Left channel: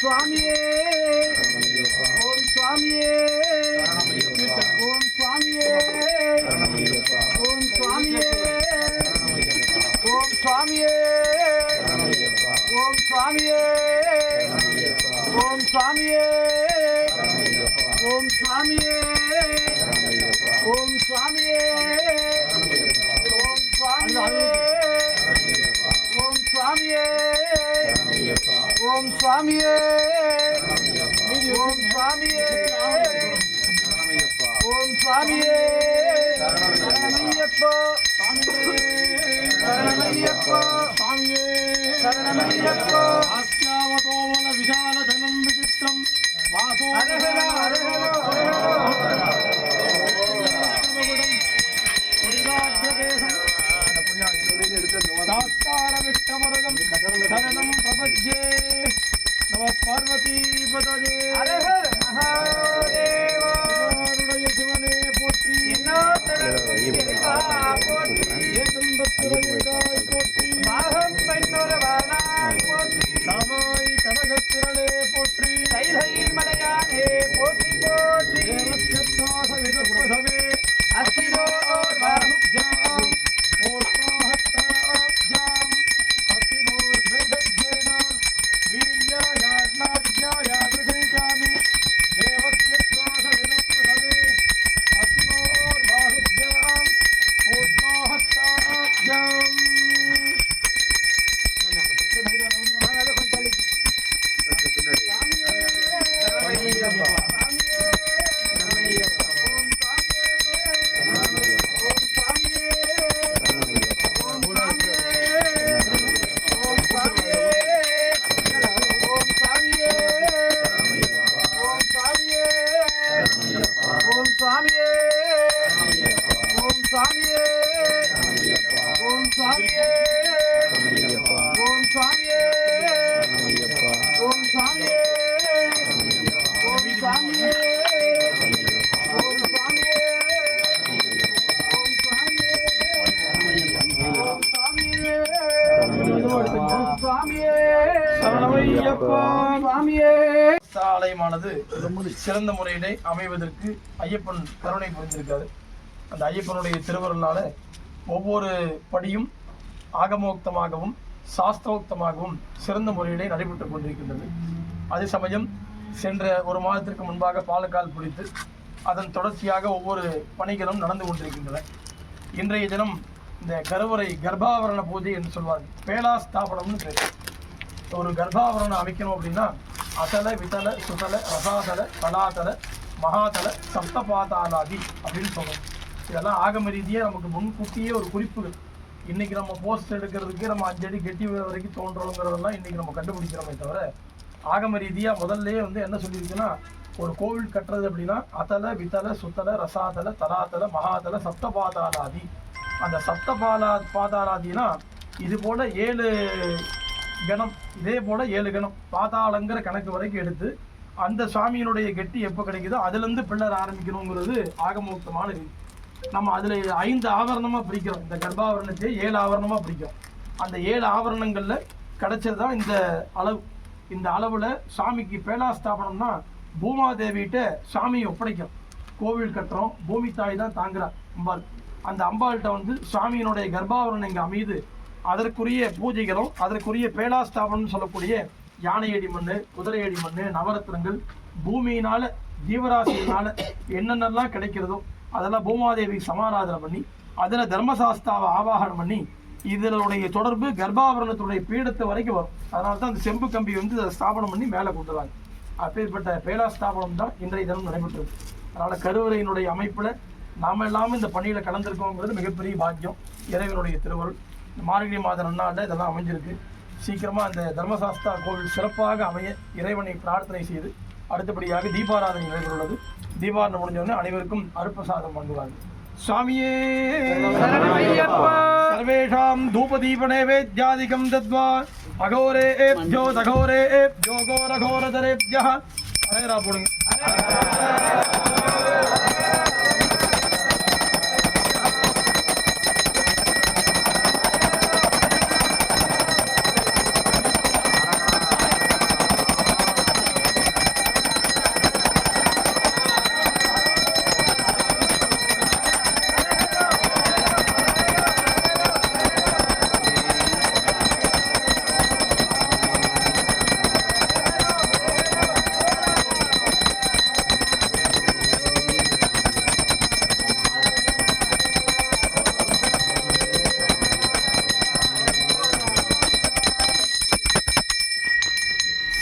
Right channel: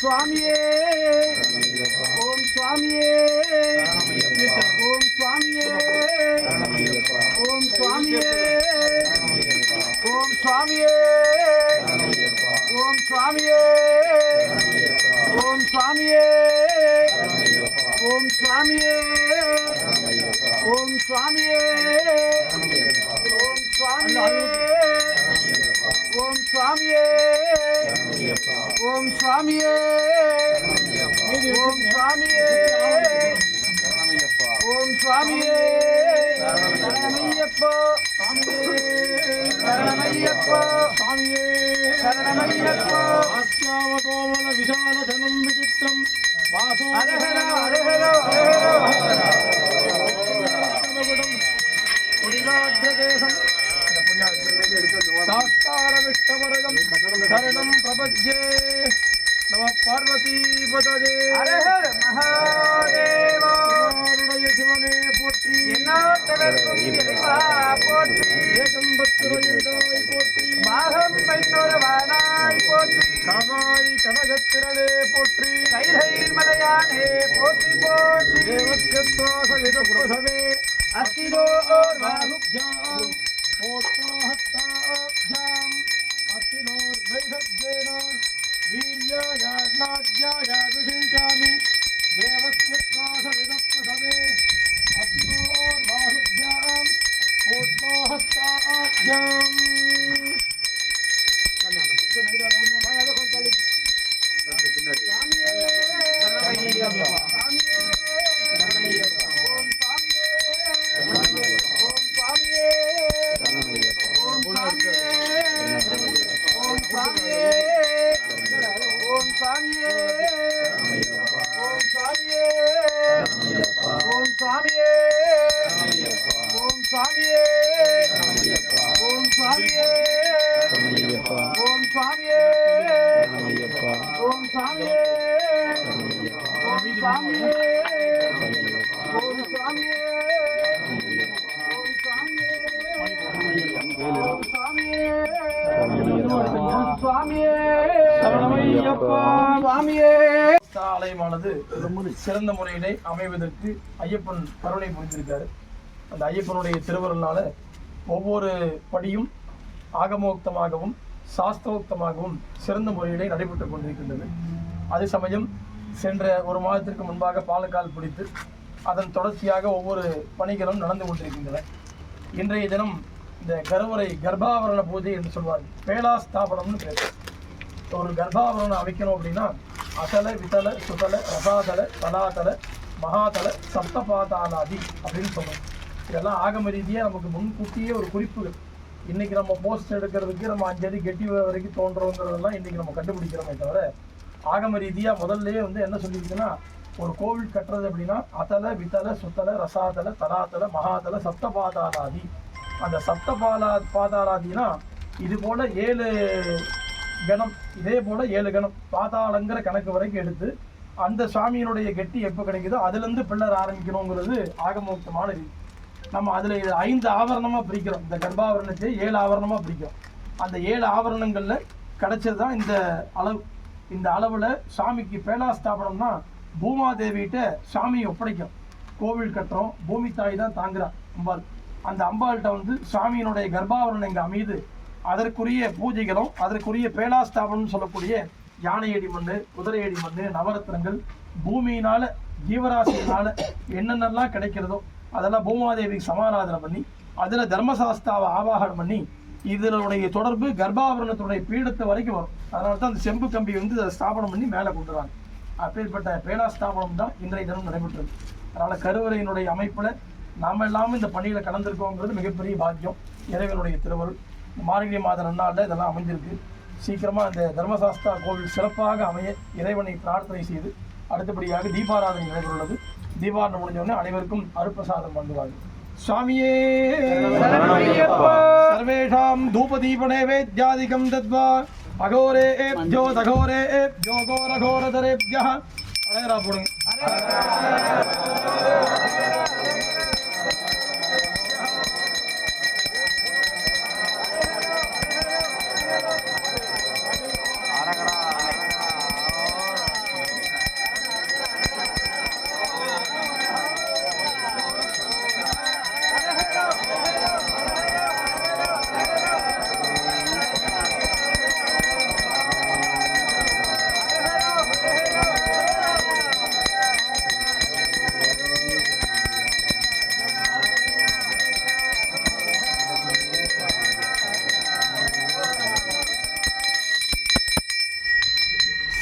சுவாமியே ஓம் சுவாமியே ஓம் சுவாமியே ஓம் சுவாமியே ஓம் சுவாமியே ஓம் சுவாமியே ஓம் சுவாமியே ஓம் சுவாமியே ஓம் சுவாமியே ஓம் சுவாமியே ஓம் சுவாமியே ஓம் சுவாமியே ஓம் சுவாமியே ஓம் சுவாமியே சரணமையப்பா சரணமையப்பா சுவாமியே சரணமையப்பா ஆஸ்யாவதோமல விசாலதனம் விசித்திரம் வாசோ ஹரஹர ஹரஹர புரிதாத்யகேசம் சாஸ்தாரவிஷ்டவரதம் சரணம் பிரபத்யே நம பார்வதீபதே ஹரஹர மகாதேவா சிவனே போற்றி போற்றி ஏகம்பத்துரையாய் போற்றி மாகம் பைனொருவனாய் போற்றி காமாய் கனகத்திரளே போற்றி கைலை மலையானே போற்றி போற்றி தேவஸ்யத்வாசவிதபுரசவே அஸ்திரோ பானுஜ்யாம் ஓஷ்ணோஹத்தாப்ஜாம் அஸ்திரோர்வைதஜ்ஜேன வீர்யாயாத்மாத்யாய விருஷாமி தேவஸ்யத்வாசவிதபுரசவே அஸ்திரோர்பானுஜ்யாம் ஓஷ்ணோஹத்தாப்ஜாம் ஆலயமானது சிறந்த முறையிலே அமைவதற்கு ஐயப்பன் கருணை புரிந்திருக்காரு. அந்த ஐயப்பனுடைய திருவருளால ஒவ்வொரு படியும் ஆகமோக்தமாகவும் சாஸ்திரோக்தமாகவும் சிறந்த முறையிலே நடைபெற்றுக் கொண்டிருக்கின்றது. அதே சமயம் சென்ற ஒரு மாதத்திற்கு முன்பாக பாலக்கால் பிடித்து அதன் தொடர்ச்சியாக ஒவ்வொரு பணிகளும் நடந்து கொண்டிருக்கின்றன. இன்றைய தினம் இந்த கருவறை கர்ப்பாவரண பூஜை என்று சொல்வார்கள். பேலாஸ்தாபனம்னு பேர். ஒரு கர்ப்பாவரணம் அமைக்கணும் அப்படின்னா அசல விதல சுதல ரசாதல தலாதல மகாதல சப்தபாதாலாதி அப்படின்னு சொல்றோம். இதெல்லாம் ஆகம ரீதியாக நமக்கு முன்கூட்டியே ஒரு குறிப்புகள். இன்னைக்கு நம்ம போஸ்ட் எடுக்கிறதுக்கு நம்ம 5 அடி கெட்டி வரைக்கும் தோன்றோங்கிறதெல்லாம் இன்னைக்கு நம்ம கண்டுபிடிக்கிறோமே தவிர ஆகம ரீதியாக முதல்ல என்ன சொல்லியிருக்குன்னா, ஒரு கோவில் கட்டுறது அப்படின்னா அதல விதல சுத்தல ரசாதல தலாதல மகாதல சப்தபாதாலாதி. அந்த பாதாளாதினா இது போல 7 கணம், இதே போல 7 கணம் பாதாளங்கிற கணக்கு வரைக்கும் எடுத்து அந்த சாமியினுடைய கெட்டி எப்போ கிடைக்குதோ அதுலேருந்து பிள்ளர் ஆரம்பிக்கணுங்கிறது ஆகமோக்தமான ரீதி. நம்ம அதில் 5 ஆவரணமாக பிரிக்கிறோம். இந்த கர்ப்பாவரணத்தை 7 ஆவரணமாக பிரிக்கிறோம். அந்த 7 ஆவரணங்களில் கிடைச்சது தான் இந்த அளவு. இந்த அளவில் சாமிக்கு பேலாஸ்தாபனம்னா பூமாதேவிகிட்ட சாமியை ஒப்படைக்கிறோம். கோவில் கட்டுறோம், பூமி தாய் தான் தாங்குறா அம்பாள். அந்த அம்பாள்கிட்ட சாமியினுடைய கர்ப்பாவரணம் இங்கே அமைது. அதற்குரிய பூஜைகளும் அதற்குரிய பேலாஸ்தாபனம் சொல்லக்கூடிய யானையடி மண், குதிரையடி மண், நவரத்னங்கள், பூமியினால ஜீவராசியினால என்னென்னலாம் கிடைக்கிறதோ அதெல்லாம் பூமாதேவி சமாராதனை பண்ணி அதில் தர்மசாஸ்தாவை ஆவாகனம் பண்ணி இதனுடைய தொடர்பு கர்ப்பாவரணத்துடைய பீடத்தை வரைக்கும் வரும். அதனால தான் அந்த செம்பு கம்பி அதை ஸ்தாபனம் பண்ணி மேலே கொண்டுறாங்க. அப்பேற்பட்ட பேலாஸ்தாபனம் தான் இன்றைய தினம் நடைபெற்றது. அதனால் கருவறையினுடைய அமைப்பில் நாம் எல்லாமே இந்த பணியில் கலந்துருக்கோங்கிறது மிகப்பெரிய பாக்கியம். இறைவனுடைய திருவருள். மார்கழி மாத நன்னாளில் இதெல்லாம் அமைஞ்சிருக்கு. சீக்கிரமாக அந்த தர்மசாஸ்தா கோவில் சிறப்பாக அமைய இறைவனை பிரார்த்தனை செய்து அடுத்தபடியாக தீபாராதனை நடைபெறுள்ளது. தீபாராதனை முடிஞ்சவொடனே அனைவருக்கும் அருப்பிரசாதம் பண்ணுவார்கள். சுவாமியே சர்வேஷாம் தூபதீப நைவேத்யாதிகம் தத்வா அகோரேப்யோ தகோரேப்யோ கோரகோரதரேப்யः அழகரா போடுங்க.